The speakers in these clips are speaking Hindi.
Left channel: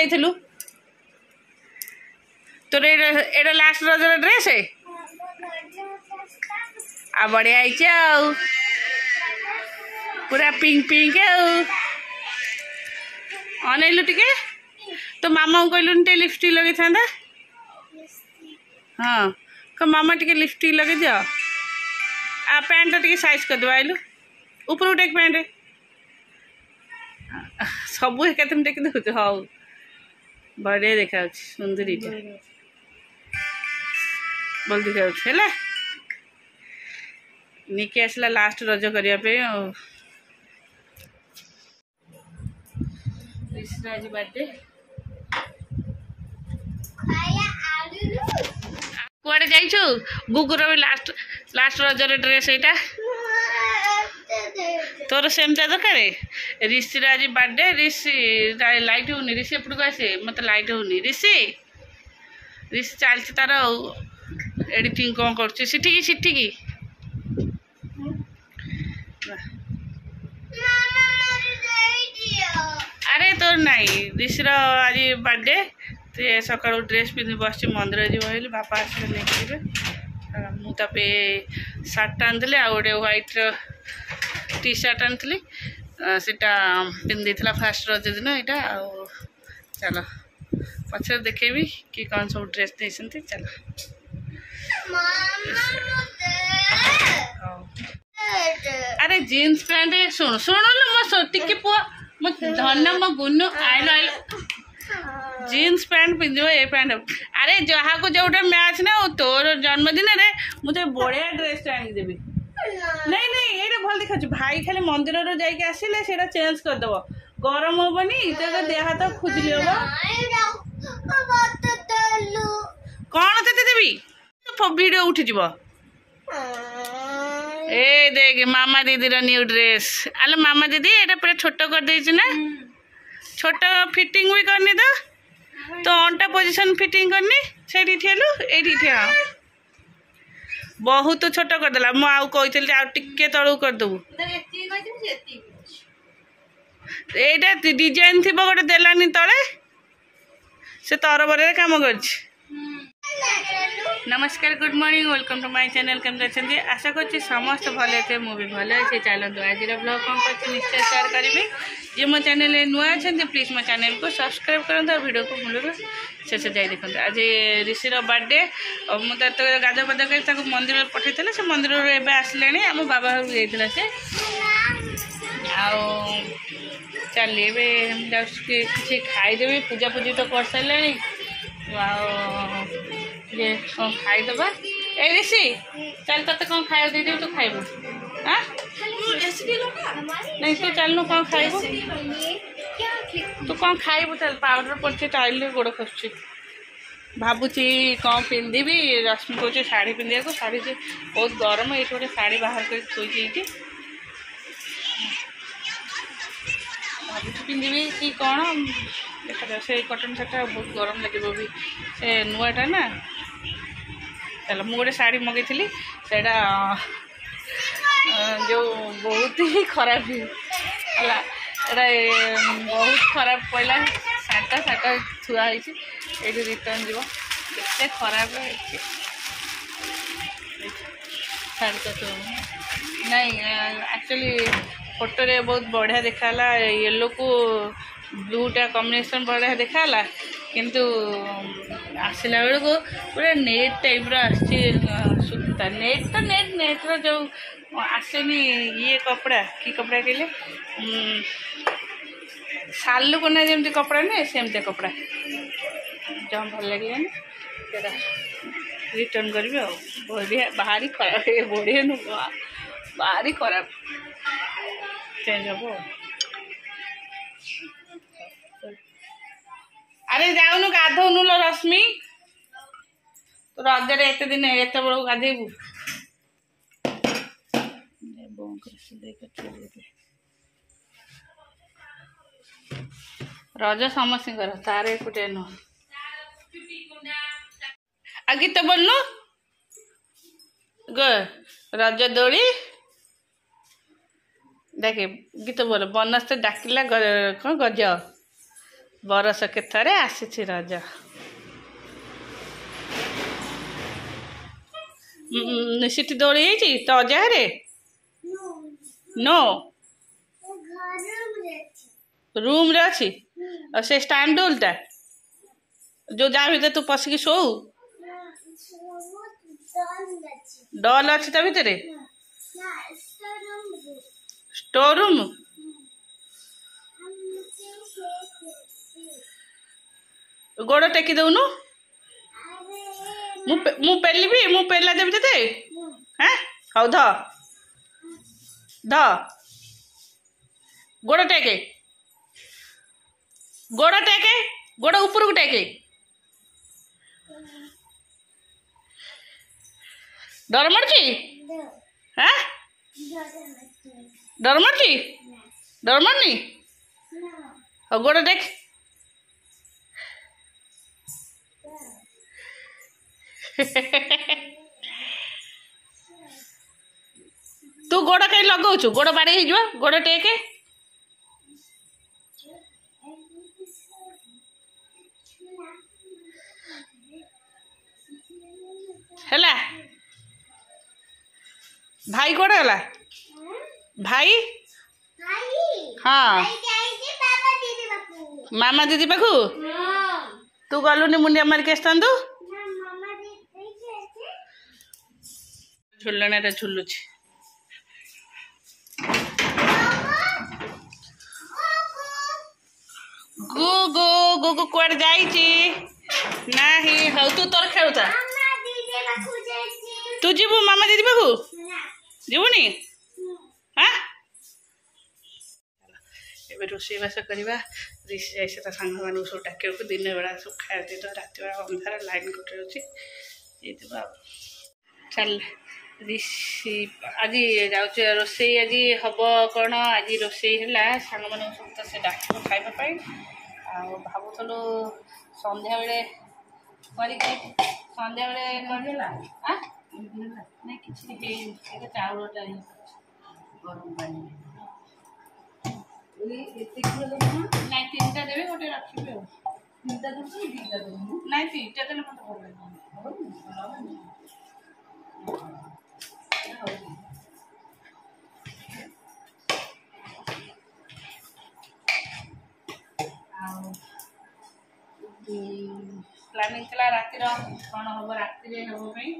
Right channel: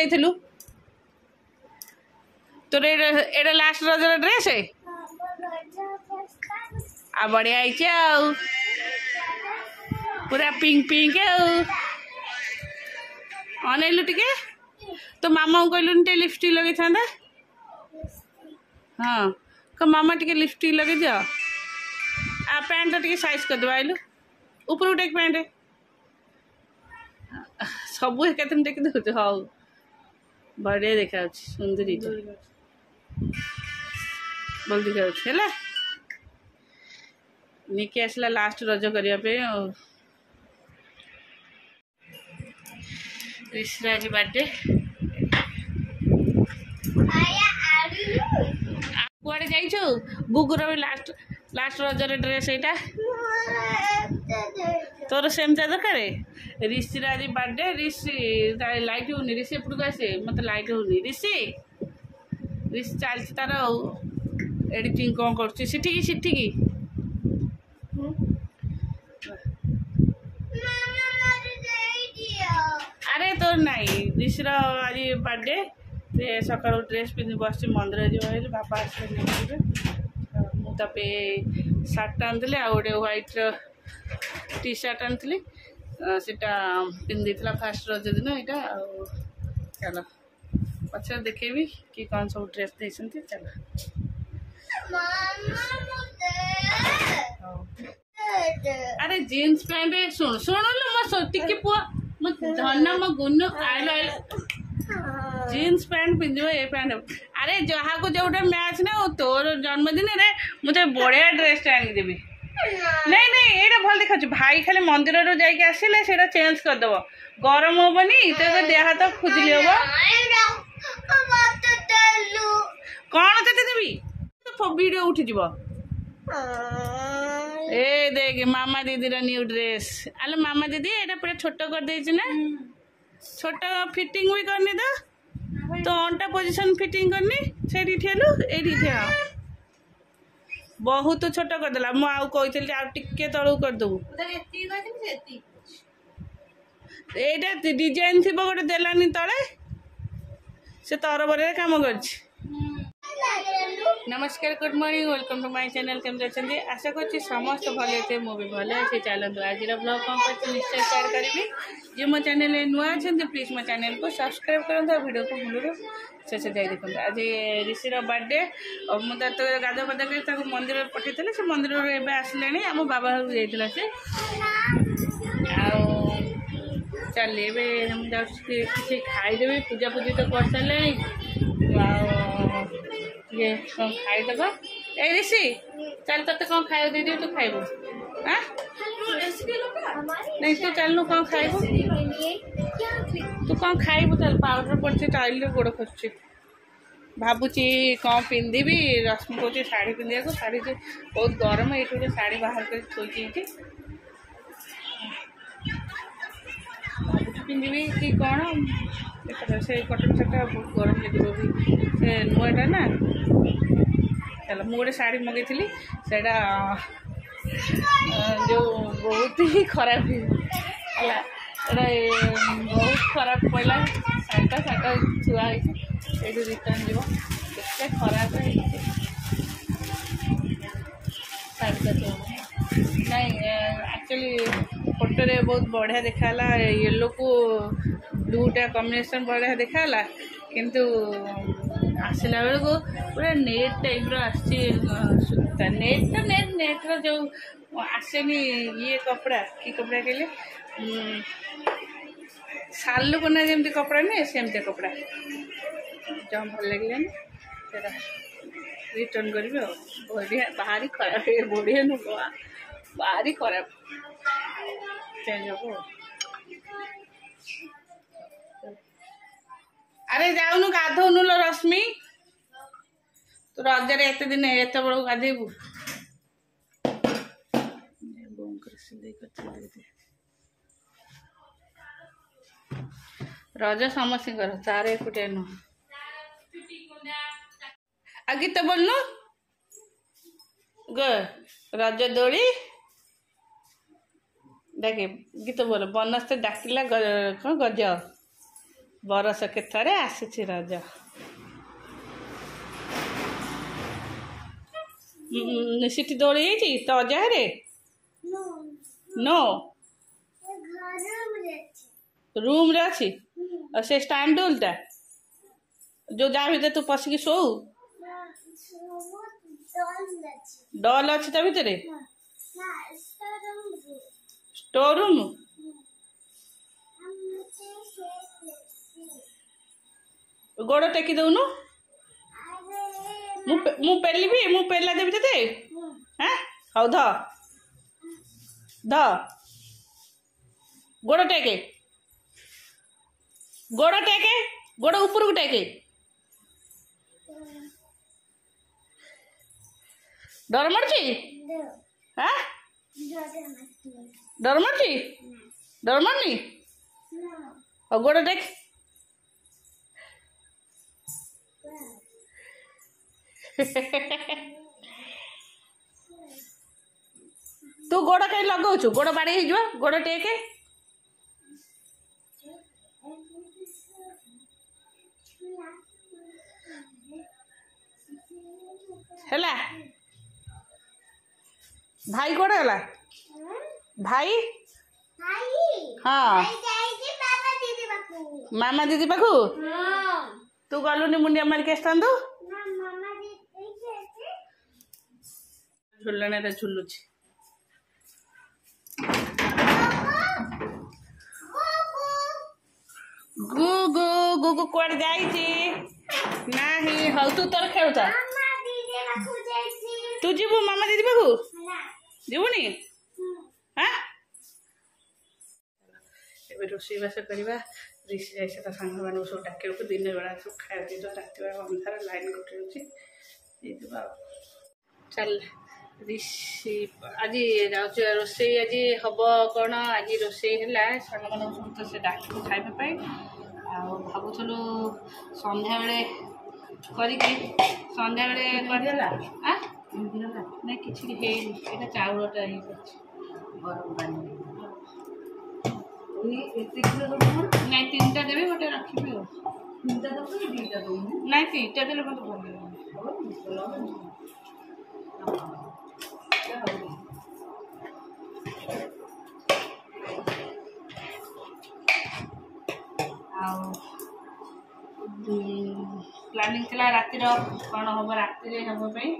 जाइलु तोर एटा लास्ट रज ड्रेस है आ बढ़िया आई पूरा पिंक पिंक अनैलु टिके तो मामा को कहलु टे लिपस्टिक लगे था हाँ को मामा टिके लिपस्टिक लगे दियो आ पैंट टिके साइज कर दो आइलु ऊपर टेक पैंट सब एक टेक दे हाँ बढ़िया देखा सुंदरी बोल देखा निके आसला लास्ट रज करने ऋषिराज बर्थडे कुआडे जाइछु गुगुर भी लास्ट लास्ट रजर ड्रेस एटा तोर सेमता दरकार ऋषिराज बर्थडे ऋषि लाइट होनी ऋषि एपटू आसे मत लाइट होनी ऋषि ऋषि चलती तार एडिटिंग कौन कर सिटी अरे तोर नाई ऋषिर आज बर्थडे ते सका ड्रेस पिंधि बस मंदिर जी बापा आसे नहीं मुझे सार्ट आनी आ गए व्हाइट टी सार्ट आनी सीटा पिंधि फास्ट रज दिन यहाँ चलो पचर देखेबी कि कौन सब ड्रेस देते चलो अरे जीन्स पैंट शुण शुणु मो टिके पुआ मो धन मो गुनु आइल आइल जीन्स पैंट पिंधो ये पैंट अरे जहाँ को जोटा मैच ना तोर जन्मदिन रे मुझे बढ़िया ड्रेस आनीदेवी नहीं नहीं ये भल देखा भाई खाली मंदिर रू जाके आसिले से चेंज करदेव गरम हेनी तो देह हाथ खुजली हम कौन ते देवी वीडियो उठीज ए देख मामा दीदी न्यू ड्रेस अल मामा दीदी ये पूरा छोट कर देछि ना छोट फिटिंग भी करनी तो अंटा पोजीशन फिटिंग करनी से ठेलु ये बहुत छोट करदेला मु आउ कही आ टिके तलू करदेबू एटा डिजाइन थी गोटे देलानी तले से तरबर काम कर नमस्कार good morning welcome to my channel केमती अच्छे आशा कर समस्त भले थे मुझे भले अच्छे चलते आज ब्लॉग कौन कर निश्चय शेयर करी जी मो चैनल नुआ अच्छा प्लीज मो चैनल को सब्सक्राइब करूँ वीडियो को मूल शेष जाए देखते आज ऋषिर बर्थडे मुझे गाधुआ पाधुआ कर मंदिर पठे से मंदिर एवं आसले आम बाबा घर जाइए से चल किसी खाईदेवी पूजा पूजी तो कर सारे ये कौन खाईदबा ए ऋषि चल ते कौन खाए दे तू खाइब हाँ नहीं तू चलनु कौन खाइब तू कौन खाइब चल पाउडर पड़े टाइल गोड़ खसुची भावुची कौन पिंधि रश्मि कौन शाढ़ी पिंधा को शाढ़ी से बहुत गरम ये गोटे शाढ़ी बाहर कर थोड़ी भावुची पिंधि कि कौन देखा से कटन शार्टा बहुत गरम लगे भी से नुआटा ना चलो मुझे गोटे शाढ़ी मगई थी से जो बहुत ही खराब है बहुत खराब पड़ा शाढ़ा थुआई ये रिटर्न जीव के खराब है शाढ़ी तो नहीं एक्चुअली फोटो रे बहुत बढ़िया देखाला येलो को ब्लूटा कॉम्बिनेशन बढ़िया देखाला किंतु आसला बेल को पूरा नेट टाइप सूता नेट तो नेट जो आसेनी ये कपड़ा कि कपड़ा कहले सालू कोना जमती कपड़ा नहीं सेमती कपड़ा जहाँ भल लगे रिटर्न करी बढ़िया बाहरी खराब बढ़िया नु बाहरी खराब चेंज हम अरे जाऊनु गाधौनु लो रश्मि तो रजरे एत दिन एत बड़ गाधेबू रज समस्त तार एकुटे नुह आ गीत बोलनु ग रज दोली देखे गीत बोल बनस्ते डाकिला कौन गज बरस के थरे आसी रज सीटी दौड़ी जाइए तो अजारे नो रूम रे अच्छी और से स्टैंड डोलटा जो जा भीतर तू पशिकी शो डल अच्छी ता भीतर स्टोर रूम गोड़ टेकी दौनु मु पेलिबी मु पेला देवी ते हाँ हौ ध गोड़ टेके गोड़ ऊपर को टेके डर मर्ची हाँ डर मर्ची डर मरनी और गोड़ टेक तू गोड़ कहीं लगाऊ गोड़ बाड़ी गोड़ टेके हैला भाई कोड़े गला भाई हाँ मामा दीदी पाखु तू गलुनी मुंडिया मारिक आसतु झुलने झुलुची गुगु गुगु कुआड़ जाइची नाही हौ तू तोर खेलुता तू जीवु मामा दीदी पाखु जीवुनी हाँ ए रोषेईबास करवा ऋषि जाए ता सांग मान सब डाक दिन बेला सब खाया दे रात बेला अंधार लाइन कटे अच्छी चल ऋषि आज जाऊँ रोषे आज हम कौन आज रोषे है सांग मान सब से डाक खावाई भावुलु संध्या बेले संध्या बेले करदेला नहीं कि चाउलटा ये गरम पानी नहीं तीन टा देवे गोटे रखी तीन टा नहीं तीन टा देले मत भल प्लानिंग थी राति कौन हम राति हाँपाई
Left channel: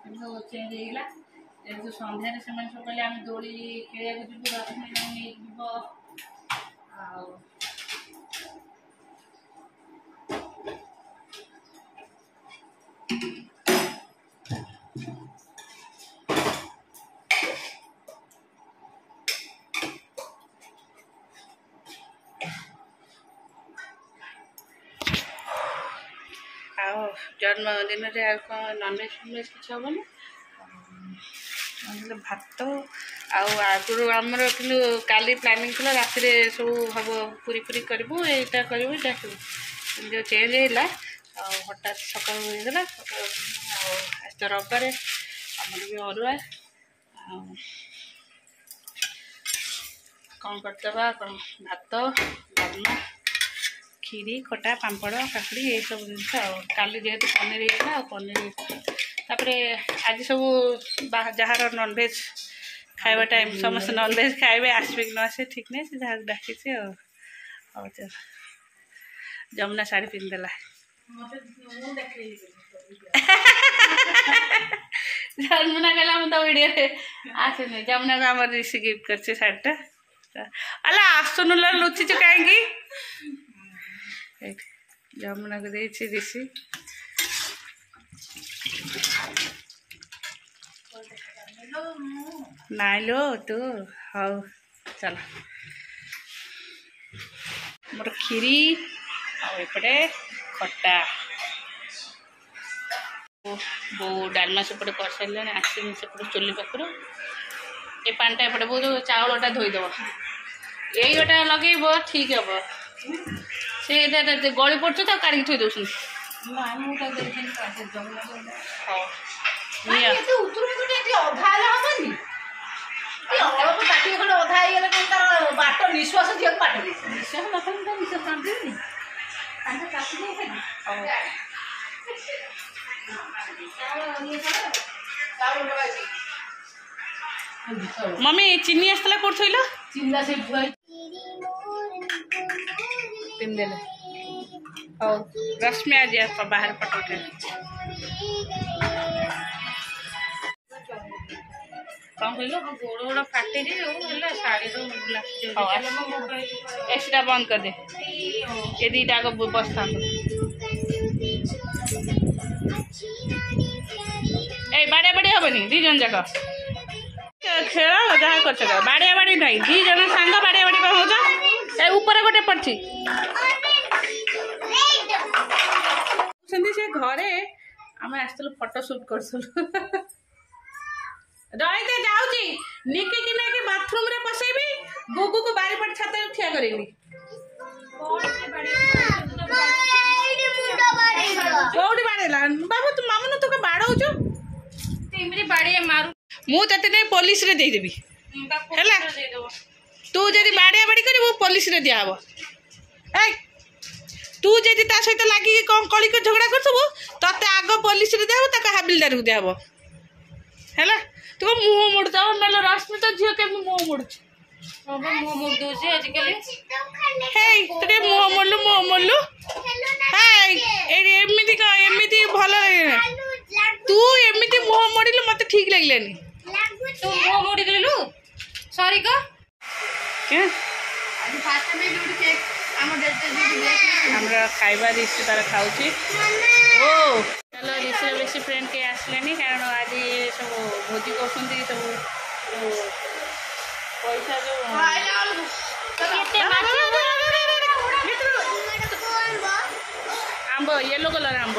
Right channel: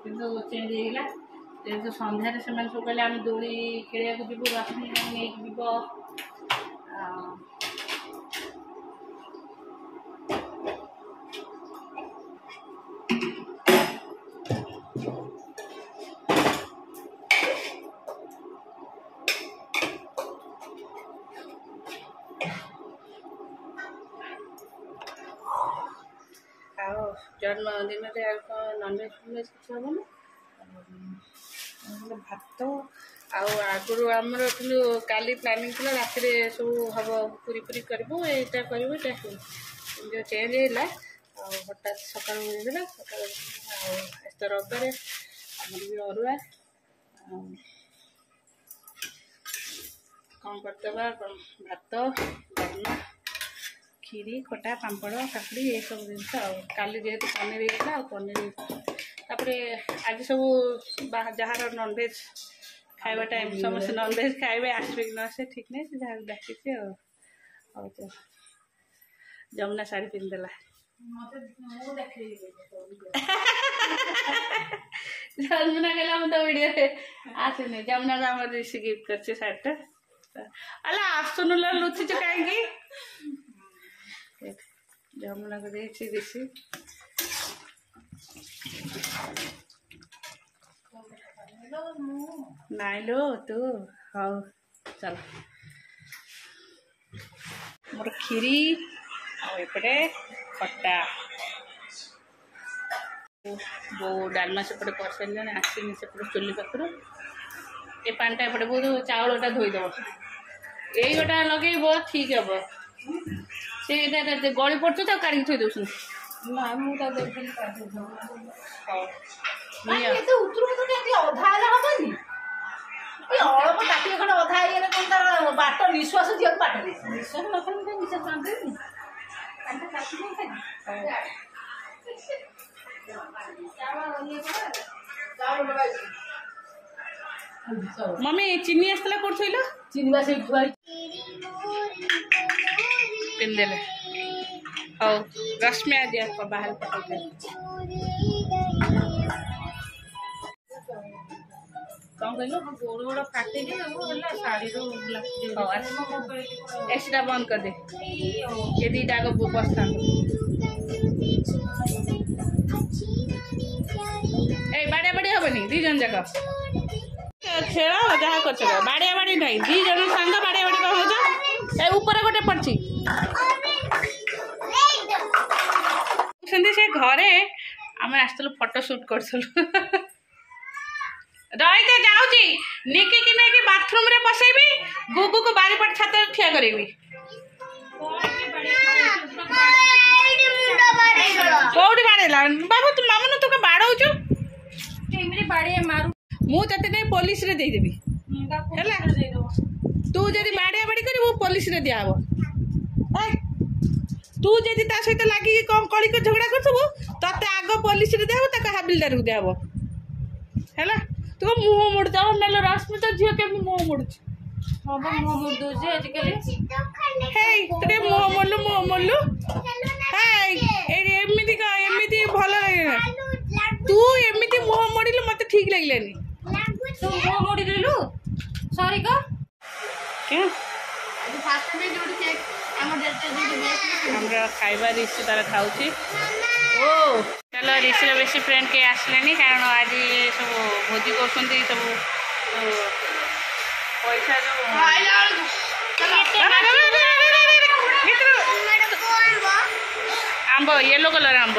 कि चेंज होगा जेहतु सन्धार से सब कहले आम दौड़ी खेलिया जीव रश्मि नहीं जीव जन्मदिन नॉनवेज फनवेज किसी हेनी भात आगुरी आमर कि काली प्लानिंग थी राति सब हम पूरी पूरी करूँ यहाँ करूँ जो चेंज है हठात सका होगा आज तो रविवार आमर भी अरुआ कौन करदे भात डालमा खीरी खटा पापड़ काकड़ी ये सब जिनस काली जेहेतु पनीर होता पनीर तापर आज सब जार नॉनवेज खाଇବା टाइम समस्त नॉनवेज खाए आसवे कि न आसे ठीक नहीं से जहाँ डाकी जमुना शाढ़ी पिंधदेला जमुना कहला तो वीडियो आसुनी जमुना को आम ऋषि गिफ्ट कर शाढ़ीटा अला आसुन लुचि कहीं जमुना को दे ऋषि नाई लो तू हाँ चल मोर खीरी आउपटे खटा बो डालमा सेपटे कर सारे आसनी सेपटे चुली पाखर ये पानीटा एपटे बहुत चाउलटा धोईदेव यही गोटा लगे ठीक हम से गली पड़े तो काढ़ी थी दौन बाट निश्वास दिया बाट मम्मी चीनी आसला कोड थइलो चिन्ना से पिंदेले हो रश्मि आज बाहर फोटो उठे कौन कहलो गोड़ गोड़ फाटे शाड़ी एसीटा बंद कर दे ये दीटा को बस्ता ए बाड़े बाड़ी हेनी दी जन जाक खेल जहाँ कर बाड़िया बाड़ी नहीं दी जन सांग बाड़िया बाड़ी कौन हो ए ऊपर गोटे पड़ी से घरे आम आसलु फोटो शूट करूँ रही जाऊँगी निकी कि नहीं बाथरूम रे पसैबी गुगु को बारीपट छात ठिया करी कौटी बाड़ेला बाबू तू मामू तू बाड़ौचु मुझे नहीं पुलिस रे दे देबी हैला तू जदि बाड़िया बाड़ी कर पुलिस रे दियाब तू जदि ता सहित लगी कौन कली को झगड़ा करथबो तते आग पुलिस रे दियाब तक हाबिलदार को दियाब हैला तू मुँह मुड़ जाओ नलो रश्मि तो झील के मुँह मुड़ मुँह मुड़ दे आजिकल हे मुँह मुड़लु एमती एमती भल तू एमती मुँह मोड़लु मत ठीक लगे मुँह मोड़ी देलु सॉरी का क्या हमरा खाइबा ऋषि तार खाऊची ओ चलो ऋषि बेसी फ्रेंड के आसले कारण आज सब भोजी कर सब पैसा जो आंब येलो कलर आंब